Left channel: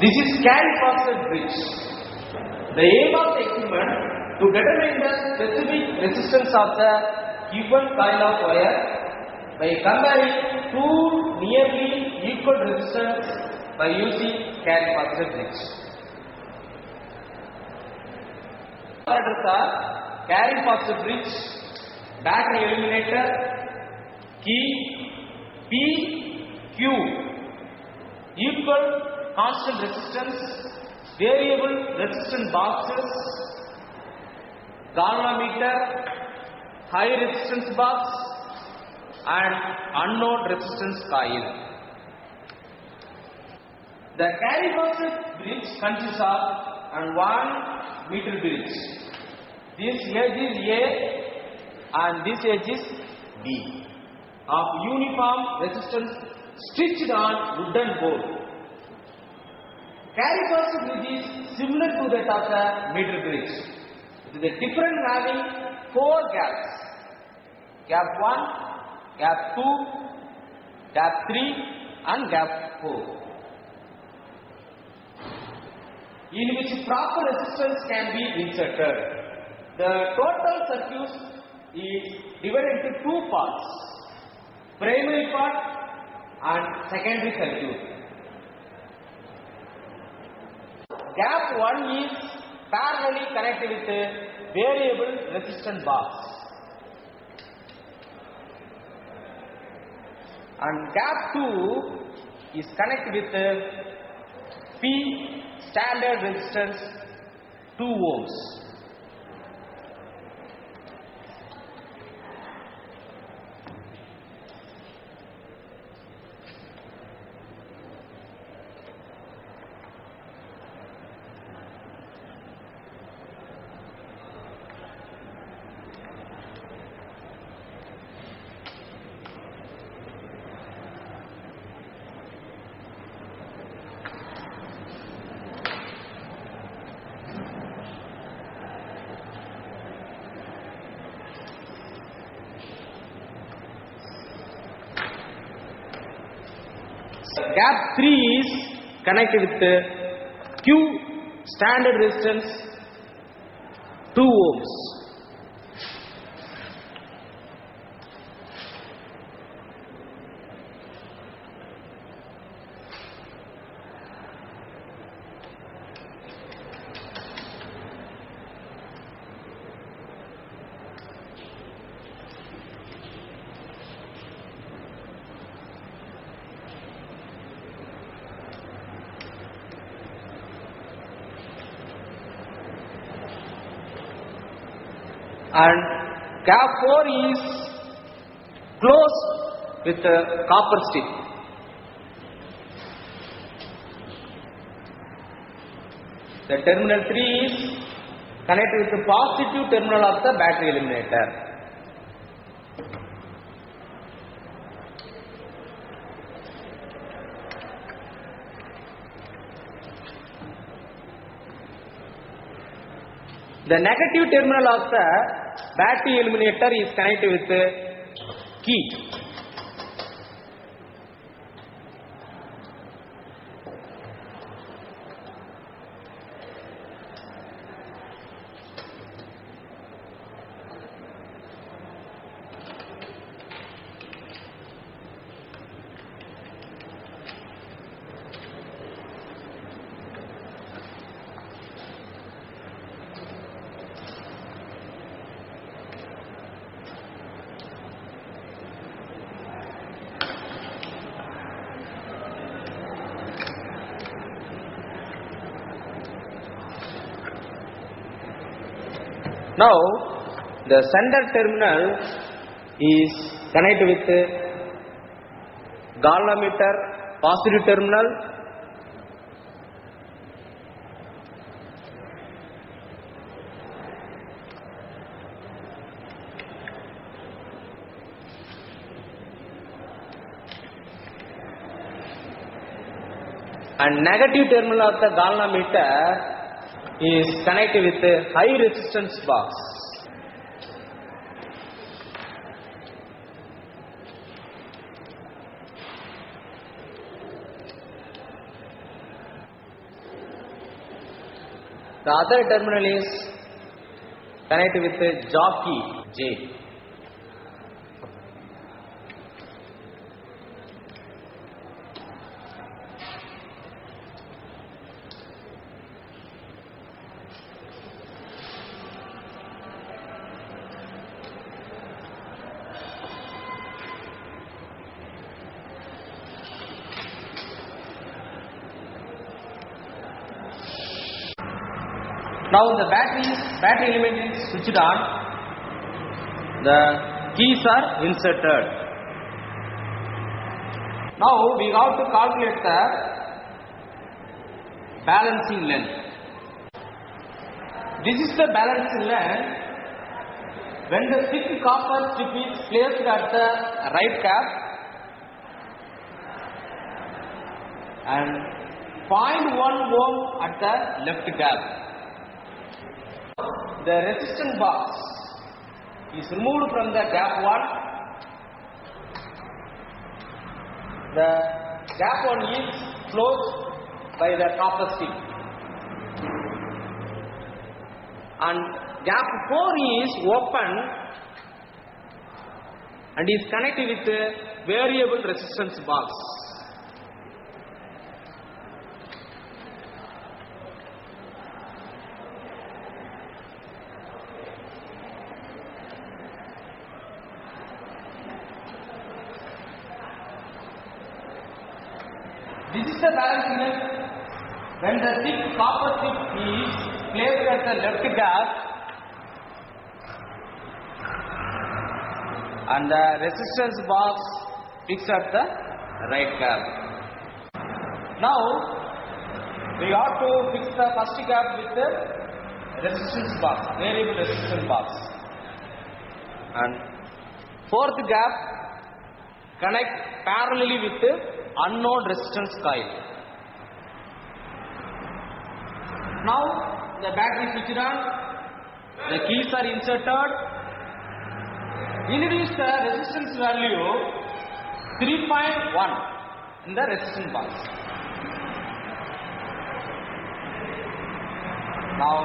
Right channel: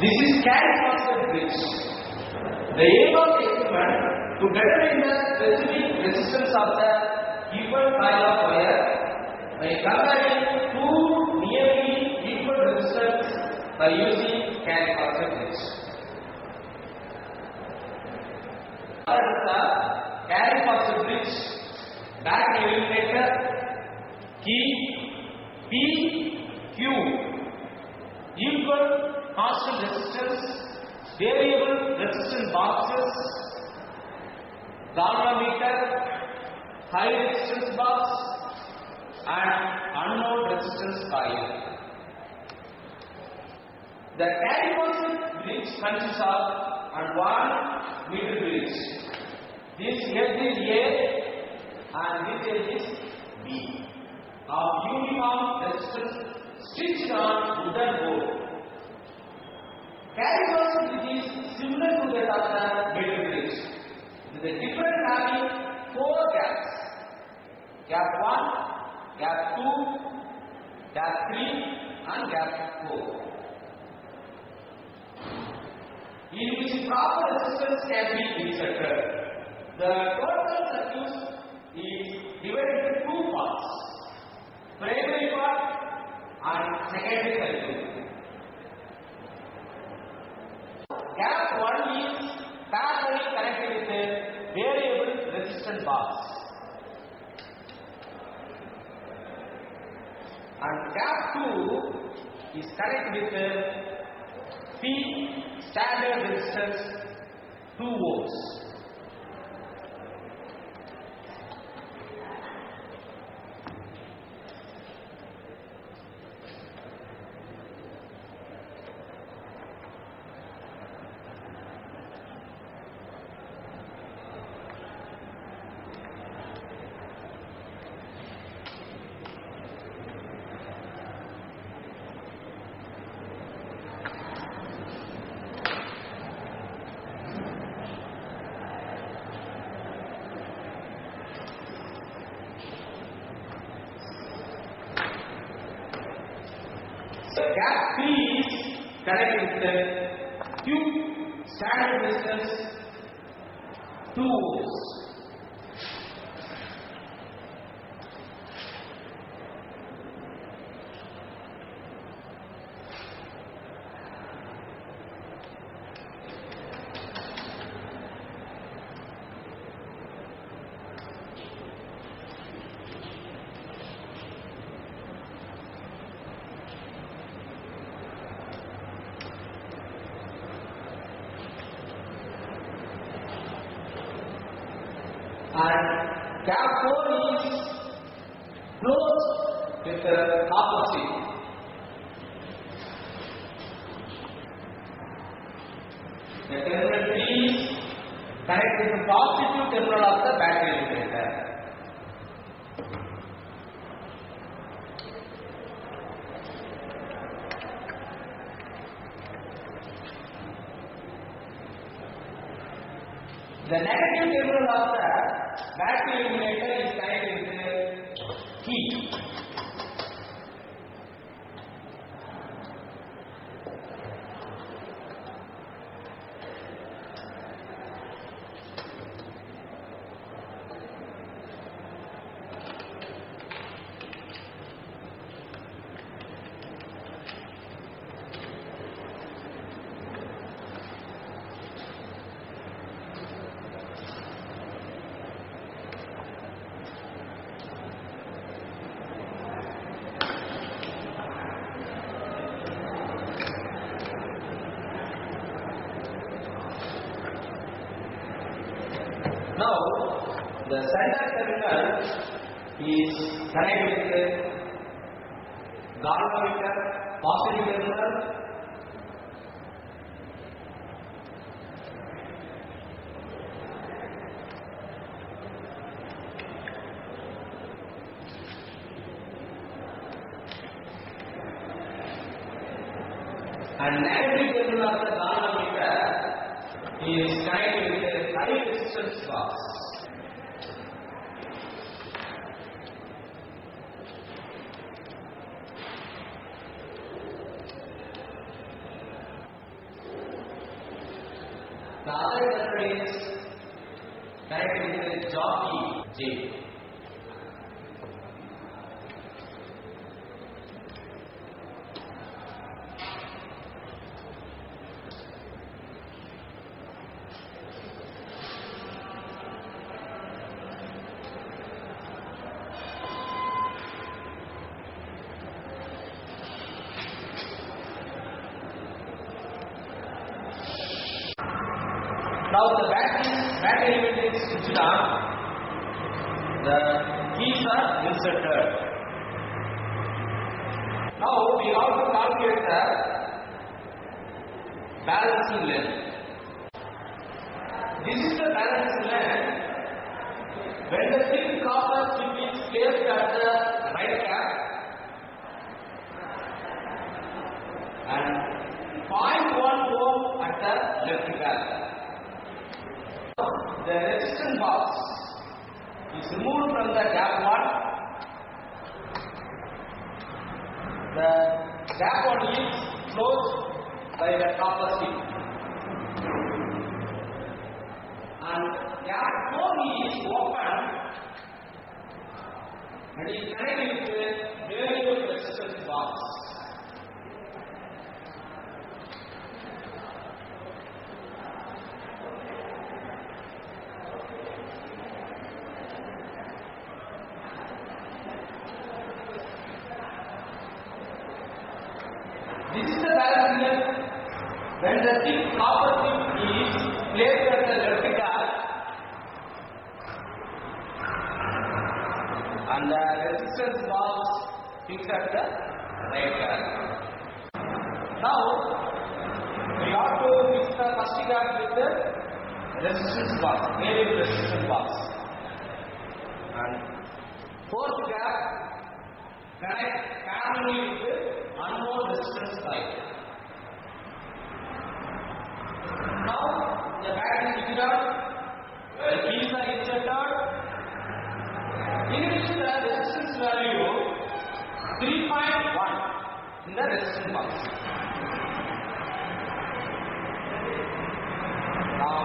This is carry phosphate bridge. The aim of the experiment to determine the specific resistance of the given coil of wire by comparing two nearly equal resistors by using carry phosphate bridge. Parameters are carry phosphate bridge, battery eliminator, key, P, Q, equal constant resistance, variable resistance boxes, galvanometer, high resistance box and unknown resistance coil. The carry phosphate bridge consists of 1 meter bridge. This edge is A and this edge is B of uniform resistance stitched on wooden board. Carry phosphate bridge is similar to that of the meter bridge. It is a different having 4 gaps. Gap 1, gap 2, gap 3 and gap 4. In which proper resistance can be inserted. The total circuit is divided into 2 parts. Primary part and secondary circuit. Gap 1 is parallelly connected with a variable resistance box. And gap 2 is connected with a P standard resistance 2 ohms. Gap 3 is connected with the Q standard resistance 2 ohms. And gap 4 is closed with a copper stick. The terminal 3 is connected with the positive terminal of the battery eliminator. The negative terminal of the battery eliminator is connected with the key. Now, the center terminal is connected with the galvanometer, positive terminal, and negative terminal of the galvanometer is connected with a high resistance box. The other terminal is connected with a jockey J. Now the battery element is switched on. The keys are inserted. Now we have to calculate the balancing length. This is the balancing length when the thick copper strip is placed at the right cap and 0.1 ohm at the left cap. The resistance box is removed from the gap 1. The gap 1 is closed by the copper strip, and gap 4 is open and is connected with the variable resistance box. This is the balancing length when the thick copper strip is placed at the left gap and the resistance box fixed at the right gap. Now we have to fix the first gap with the resistance box, variable resistance box, and fourth gap connect parallelly with the unknown resistance coil. Now the battery is switched on, the keys are inserted. Increase the resistance value 3.1 in the resistance box. Now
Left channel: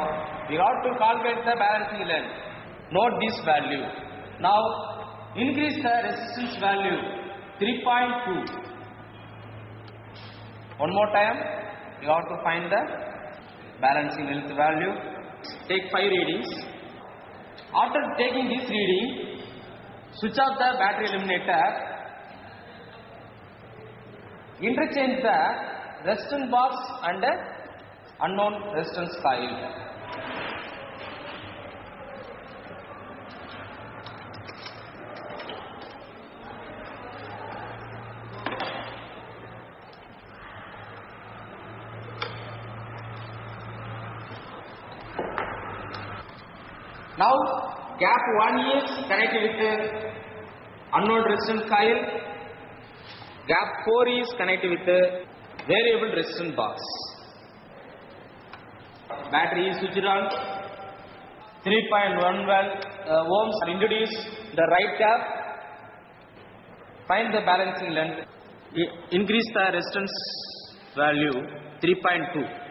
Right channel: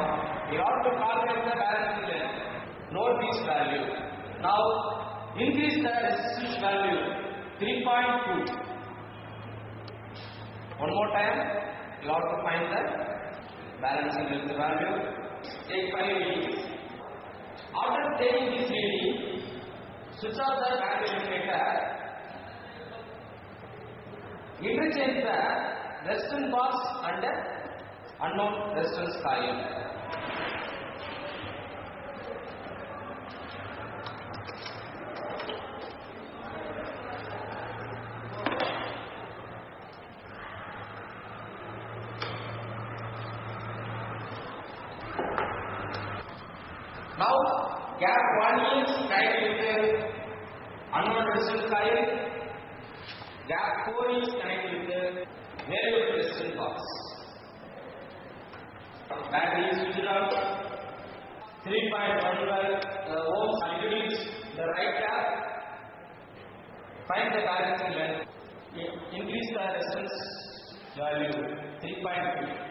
we have to calculate the balancing length. Note this value. Now increase the resistance value 3.2. One more time, you have to find the balancing length value. Take 5 readings. After taking this reading, switch off the battery eliminator. Interchange the resistance box and the unknown resistance coil. Now gap 1 is connected with the unknown resistance coil. Gap 4 is connected with the variable resistance box. Battery is switched on. 3.1 ohms are introduced the right gap. Find the balancing length. Increase the resistance value 3.2.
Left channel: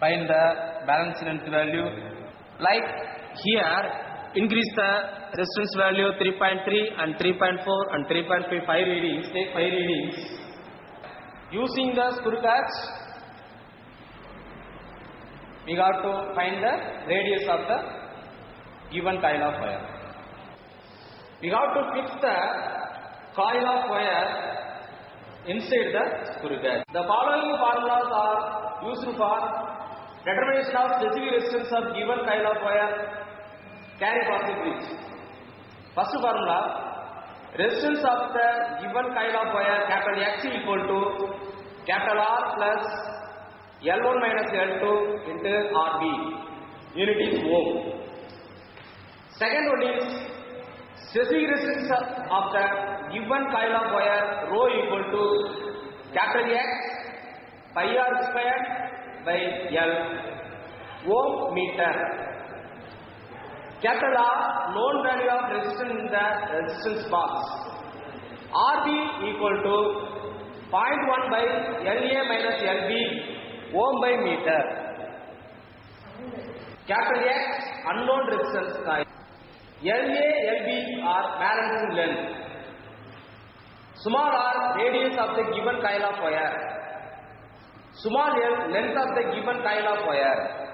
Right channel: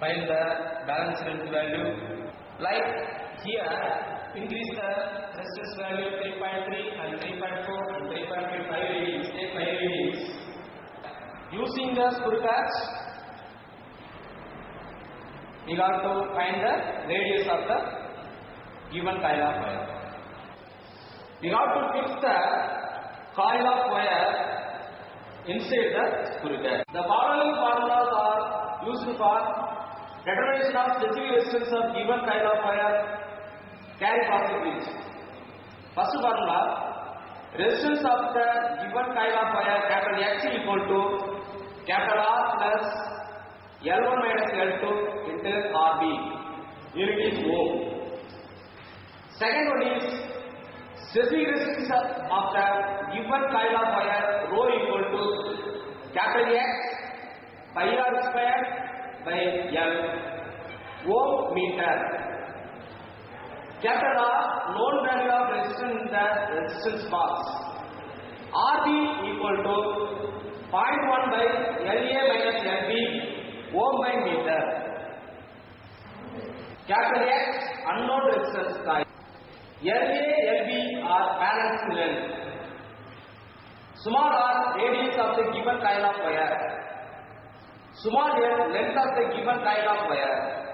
Find the balance length value. Like here, increase the resistance value 3.3 and 3.4 and 3.5 readings. Take 5 readings. Using the screw catch, we got to find the radius of the given coil of wire. We have to fix the coil of wire inside the screw catch. The following formulas are used for determination of specific resistance of given coil of wire carry positive bridge. First formula, resistance of the given coil of wire capital X equal to capital R plus L1 minus L2 into RB. Unit is ohm. Second one is specific resistance of the given coil of wire rho equal to capital X pi R square by L ohm meter. Capital R known value of resistance in the resistance box. RB equal to 0.1 by LA minus LB ohm by meter. Capital X unknown resistance coil. LA, LB are balancing length. Small r radius of the given coil of wire. Small l length of the given coil of wire.